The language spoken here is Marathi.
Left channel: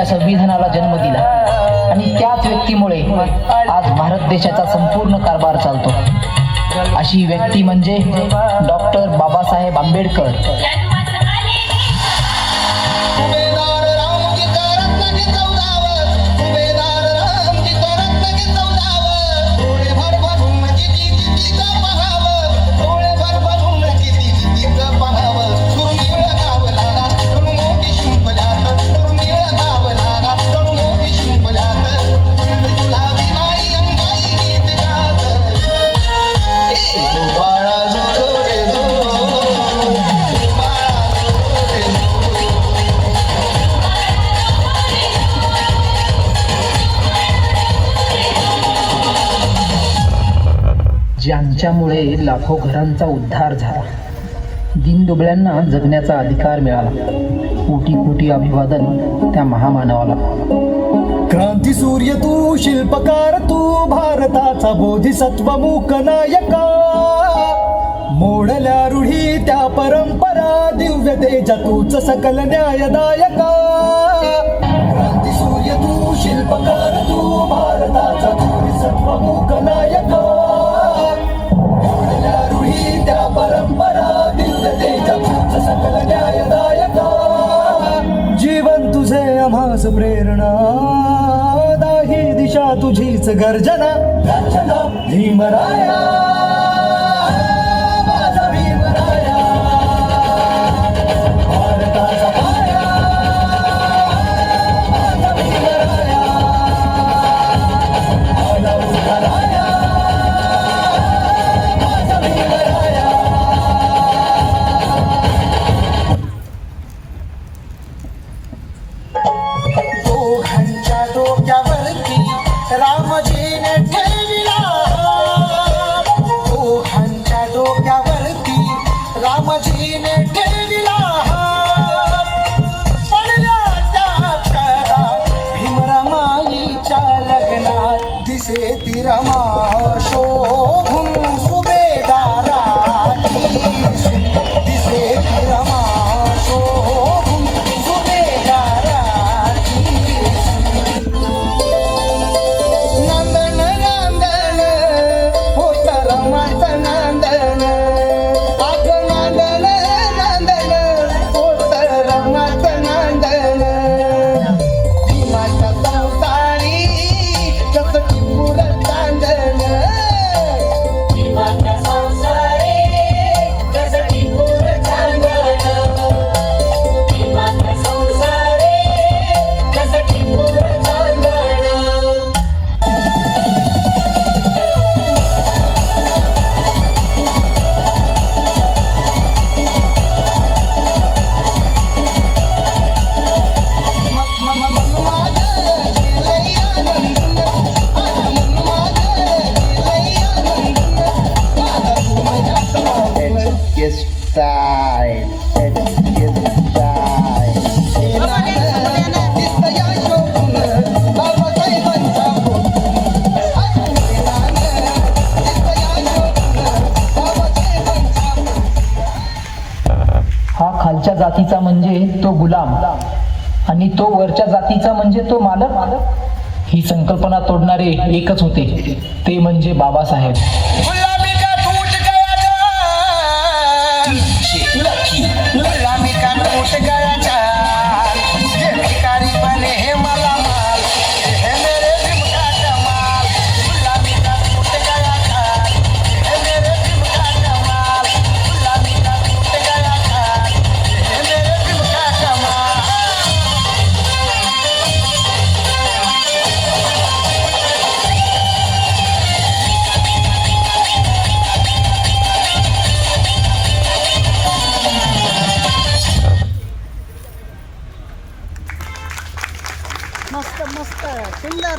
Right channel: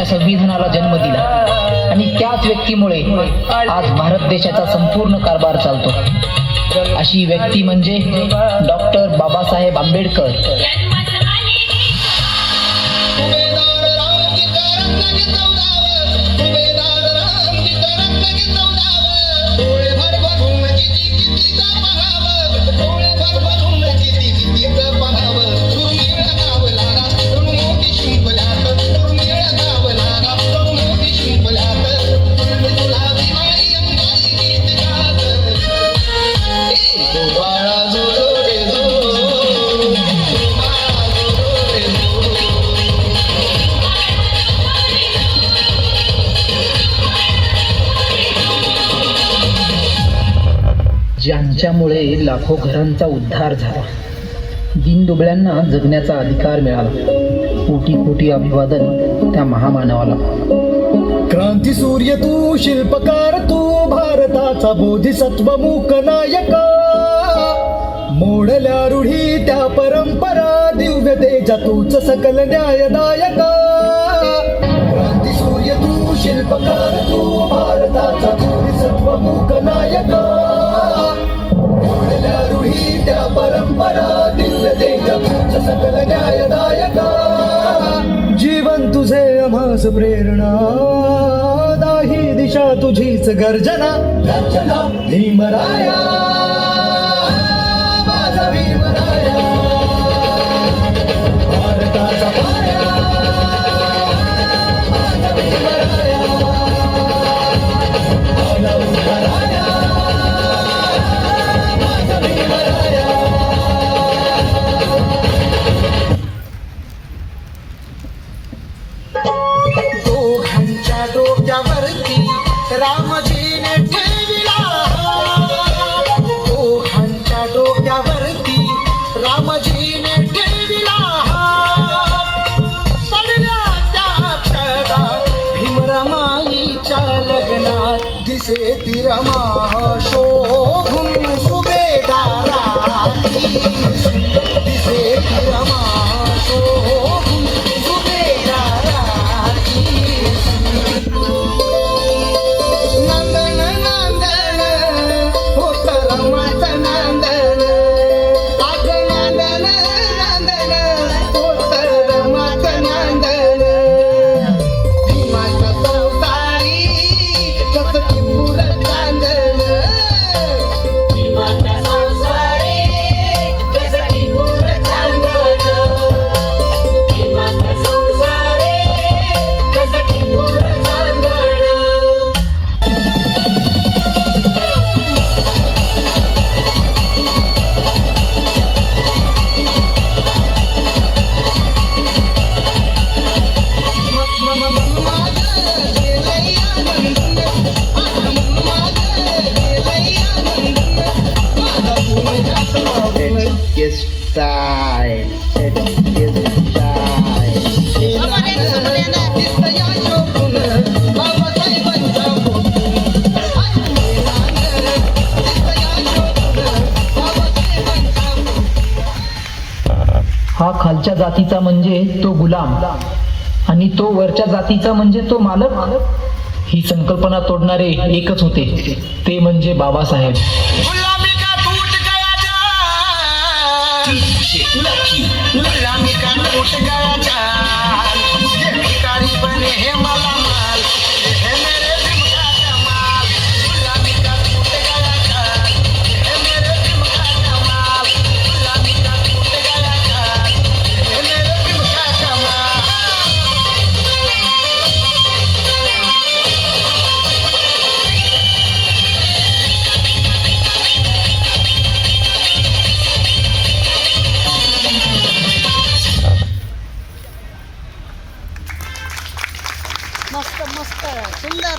देशाच्या संविधानाला जन्म दिला आणि त्याच व्यक्तीमुळे आज भारत देशाचा संपूर्ण कारभार चालतो। अशी व्यक्ती म्हणजे डॉक्टर बाबासाहेब आंबेडकर। ज्यांच्यामुळे लाखो घरांचा उद्धार झाला, दीनदुबळ्यांना जगण्याचा अधिकार मिळाला। कोटी कोटी अभिवादन त्या महामानवाला। क्रांती सूर्य तू, शिल्पकार तू, भारताचा बोधिसत्व मूक नायका। मोडल्या रूढी त्या परंपरा, दिव्य तेजा तूच सकल न्यायदायका। क्रांती सूर्य तू, शिल्पकार तू, भारताचा बोधिसत्व मूक नायका। मोडल्या रूढी त्या परंपरा, दिव्य तेजा तूच सकल न्यायदायका। जीवन तुझे आम्हास प्रेरणा, दाही दिशा तुझीच गर्जना। भीमराया माझा भीमराया, भारताचा पाया माझा भीमराया। आला उभराया माझा भीमराया। डोक्यावरती रामजीने ठेविला, ओठांच्या डोक्यावरती रामजीने ठेविला। पडल्या त्या क्षणात भीमरमाईच्या लग्नात, दिसे ती रमा शोभून सुभेदाराची। दिसे ती रमा शोभून सुभेदाराची। हा खालच्या जातीचा म्हणजे तो गुलाम आणि तो वरच्या जातीचा म्हणजे तो मालक। ही संकल्पना तोडणारे एकच होते, ते म्हणजे बाबासाहेब। गुलामी का टूट गया जाल, गुलामी का टूट गया जाल। ये भिखारी बने हैं मालामाल, ये है मेरे भीम का कमाल। गुलामी का टूट गया जाल, ये है मेरे भीम का कमाल। गुलामी का टूट गया जाल, ये है मेरे भीम का कमाल। मस्त मस्त सुंदर